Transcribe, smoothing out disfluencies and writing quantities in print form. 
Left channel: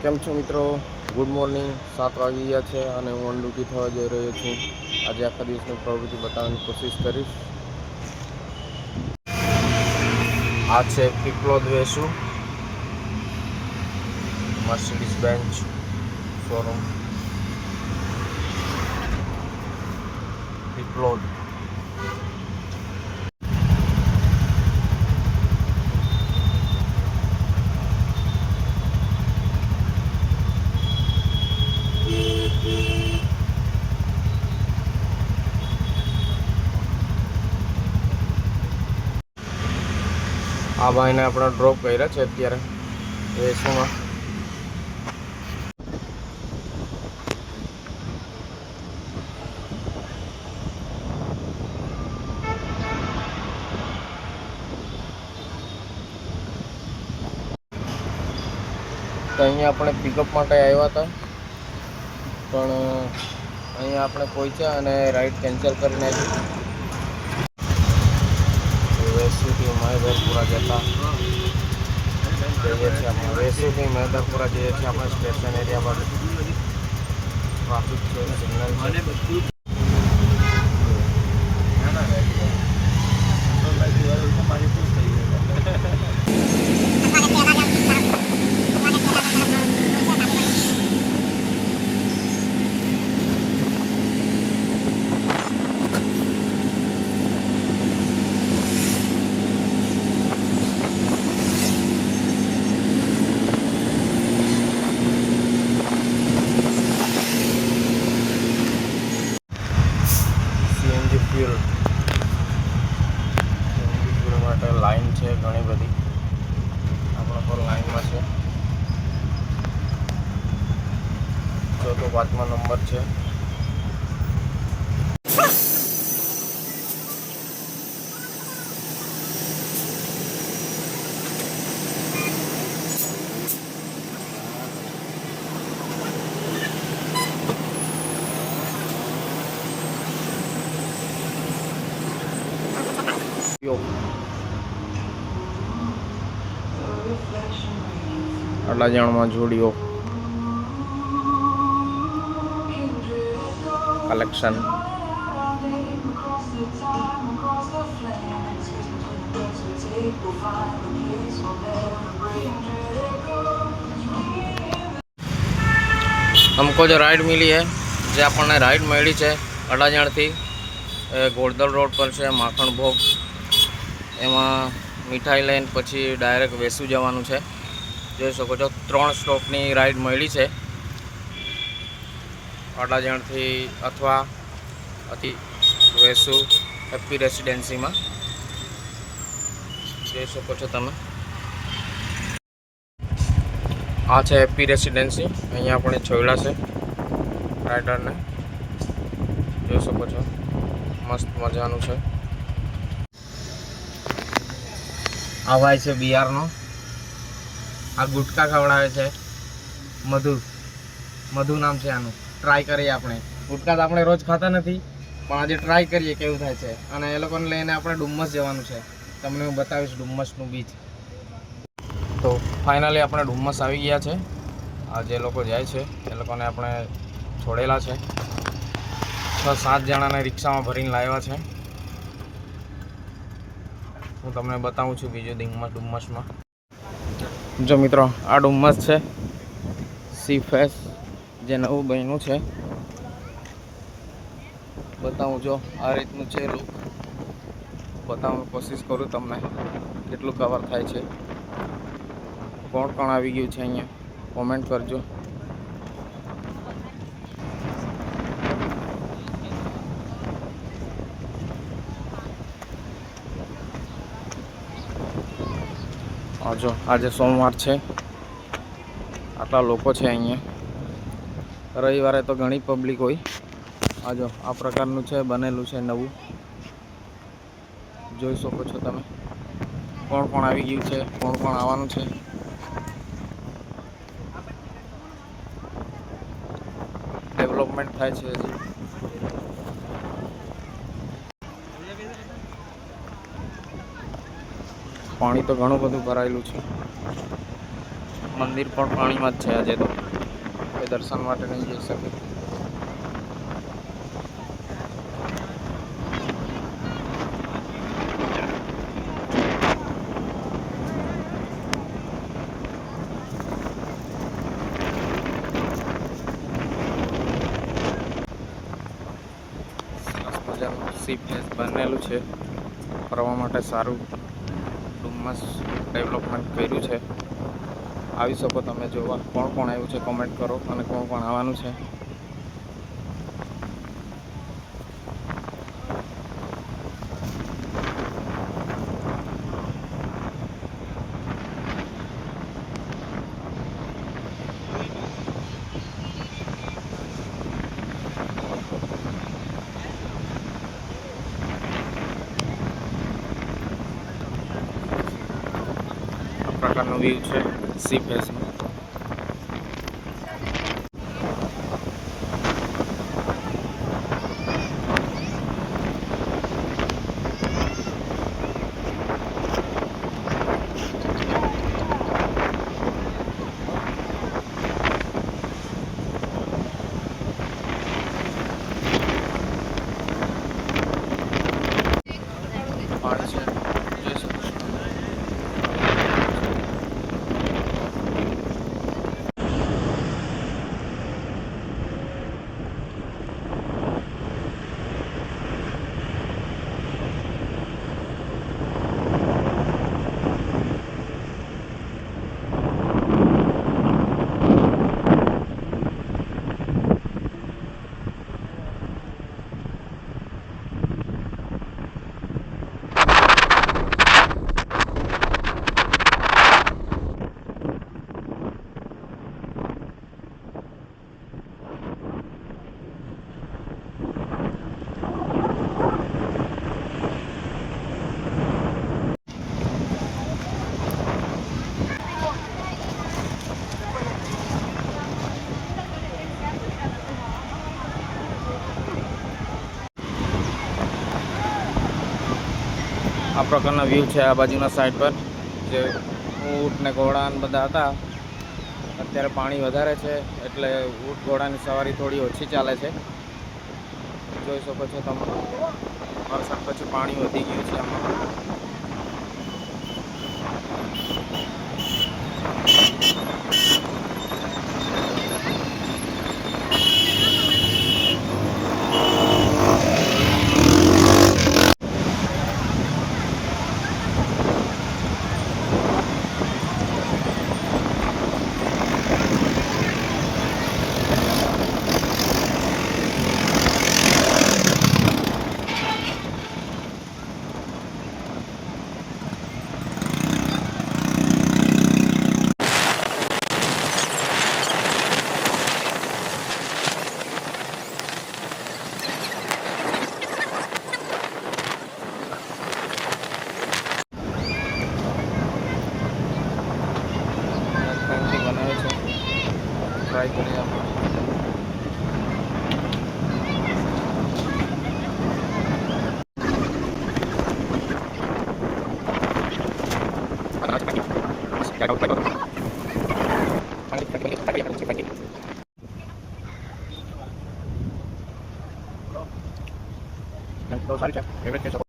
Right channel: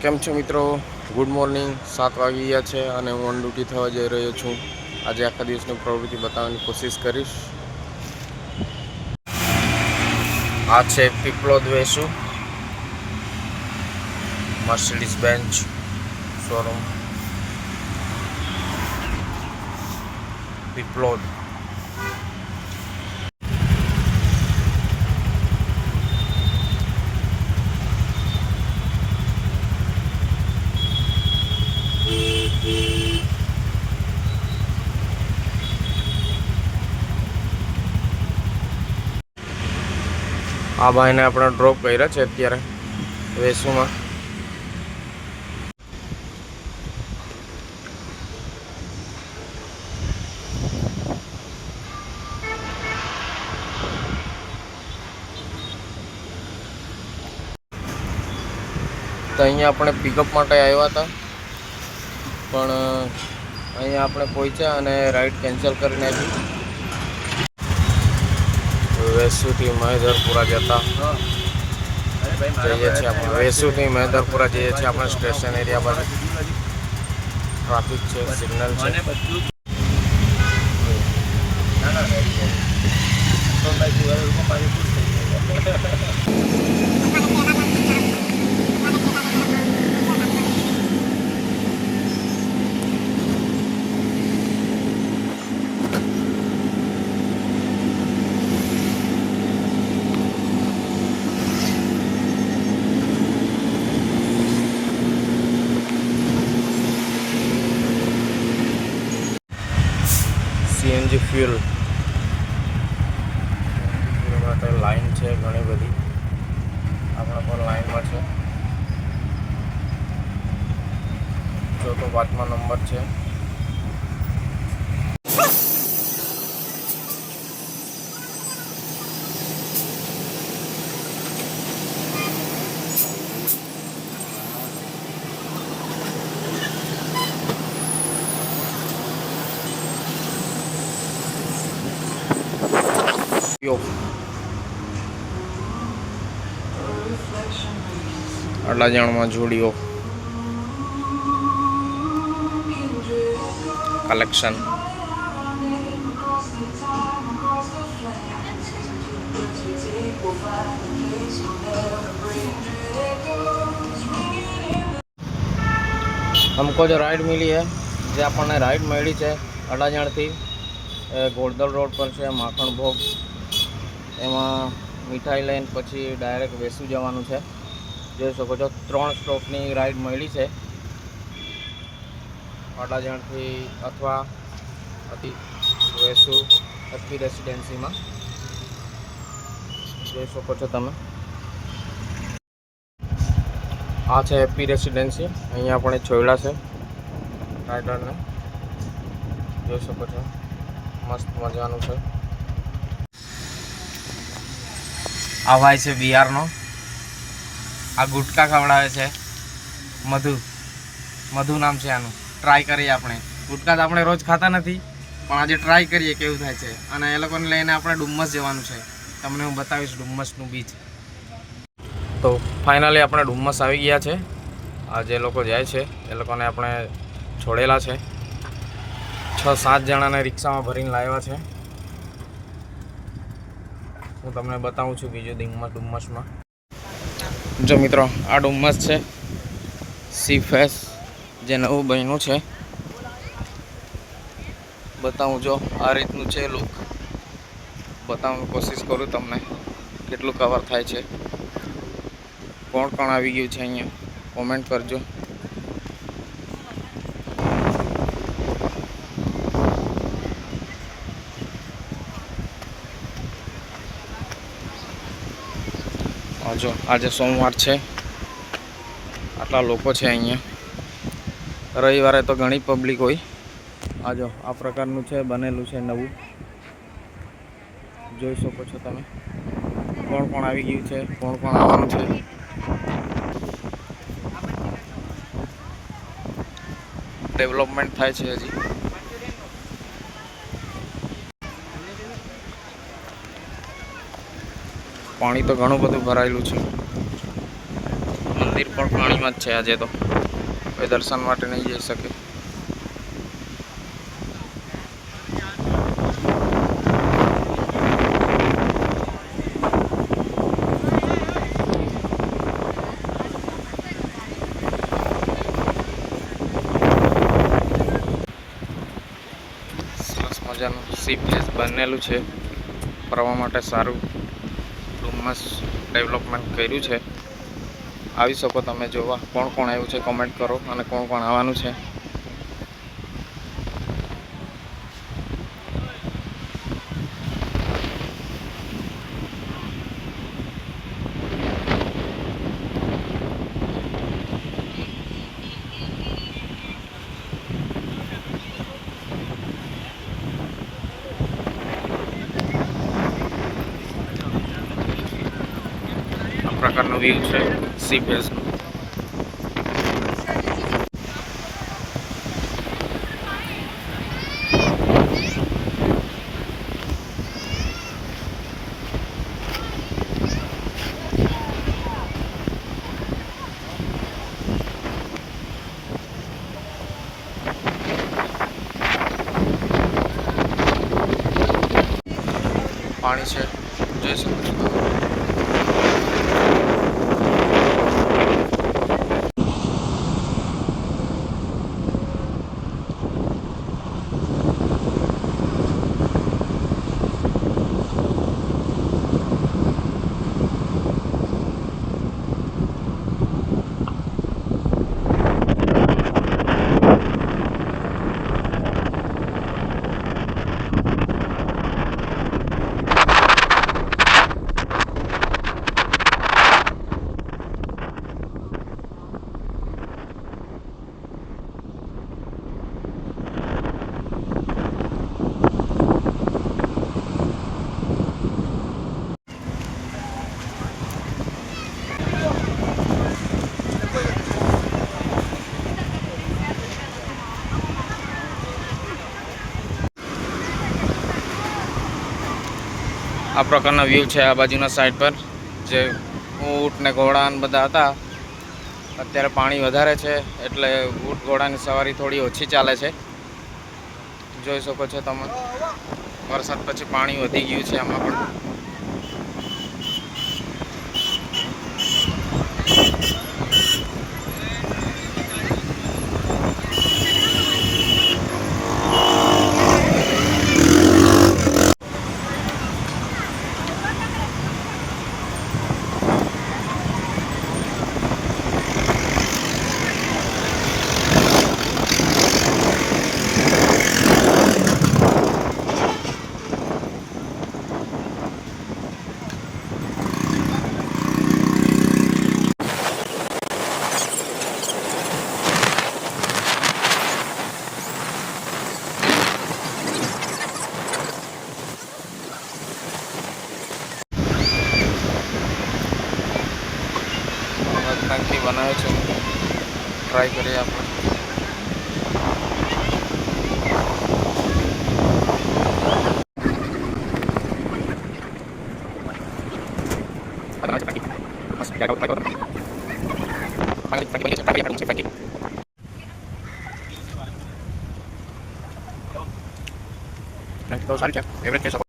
કેમ છો મિત્રો? Good morning. 7 વાગી ગયા છે અને હું ઓન ડ્યુટી થવા જઈ રહ્યો છું. આજે આખા દિવસની પ્રવૃત્તિ બતાવવાની કોશિશ કરીશ. આ છે Piplod Vesu Mercedes bench showroom Piplod. આ ભાઈને આપણે ડ્રોપ કર્યા છે અત્યારે વેસુમાં. તો અહીંયા આપણે પિકઅપ માટે આવ્યા હતા, પણ અહીંયા આપણે પહોંચ્યા અને રાઈડ કેન્સલ કરી નાખી. વેસુથી મહેદરપુરા જતા જઈએ છીએ આપણે. વેસુથી મહેદરપુરા જઈએ છીએ આપણે સ્ટેશન એરિયા બાજુ. ટ્રાફિક છે, સિગ્નલ છે. સીએનજી ફ્યુલ માટે લાઈન છે ઘણી બધી. આપણા પર લાઈનમાં છે. 4થો 5મા નંબર છે. અડાજણમાં જોડીઓ કલેક્શન. हमको जो राइड मिली है, જે આપણને રાઈડ મળી છે અડાજણથી ગોળદલ રોડ પર છે માખણ ભોગ. એમાં મીઠાઈ લઈને પછી ડાયરેક્ટ વેસુ જવાનું છે. જોઈ શકો છો 3 સ્ટોપની રાઈડ મળી છે અડાજણથી અથવા વેસુ હેપી રેસિડેન્સીમાં. જોઈ શકો છો તમે. આ છે હેપી રેસિડેન્સી. અહીંયા આપણે છોડ્યા છે રાઇડરને. જોઈ શકો છો, મસ્ત મજાનું છે. આ ભાઈ છે બિહારનો. આ ગુટકા ખવડાવે છે. મધુ નામ છે આનું. ટ્રાય કરીએ આપણે. ગુટકા તો આપણે રોજ ખાતા નથી, પણ આજે ટ્રાય કરીએ કેવું થાય છે. અને એ લોકોને લઈને આપણે ડુમ્મસ જવાનું છે. તમને હું બતાવીશ ડુમ્મસનું બીચ. તો ફાઇનલી આપણે ડુમ્મસ આવી ગયા છે. આ જે લોકો જાય છે એ લોકોને આપણે છોડેલા છે. 6-7 જણાને રિક્ષામાં ભરીને લાવ્યા છે. હું તમને બતાવું છું બીજું ડુમ્મસમાં. જો મિત્રો, આ ડુમ્મસ છે સી ફેસ, જે નવું બન્યું છે. બતાવું જો આ રીતનું છે લુક. બતાવવાની કોશિશ કરું તમને કેટલું કવર થાય છે. કોણ કોણ આવી ગયું છે અહીંયા કોમેન્ટ કરજો. જો આજે સોમવાર છે, આટલા લોકો છે અહીંયા. રવિવારે તો ઘણી પબ્લિક હોય. આજો આ પ્રકારનું છે, બનેલું છે નવું. જોઈ શકો છો તમે. કોણ કોણ આવી ગયું છે, કોણ કોણ આવવાનું છે. ડેવલપમેન્ટ થાય છે હજી. પાણી તો ઘણું બધું ભરાયેલું છે. મંદિર પણ પાણીમાં જ છે આજે તો, કોઈ દર્શન માટે નહીં જઈ શકે. સરસ મજાનું સી પ્લેસ બનેલું છે, ફરવા માટે સારું ડુમ્મસ ડેવલપમેન્ટ કર્યું છે. આવી શકો તમે જોવા. કોણ કોણ આવ્યું છે કોમેન્ટ કરો, અને કોણ કોણ આવવાનું છે. આ પ્રકારનો વ્યૂ છે સી ફેસનો. પાણી છે, જોઈ શકો છો તમે. આ પ્રકારના વ્યૂ છે આ બાજુના સાઈડ પર. જે ઊંટ ને ઘોડા ને બધા હતા, અત્યારે પાણી વધારે છે એટલે ઊંટ ઘોડાની સવારી થોડી ઓછી ચાલે છે. જોઈ શકો છો તમે, વરસાદ પછી પાણી વધી ગયું છે આમાં પણ. ટાંકી બનાવે છે, ટ્રાય કરીએ આપણે. તો સારી છે, એવરેજ કહી શકો.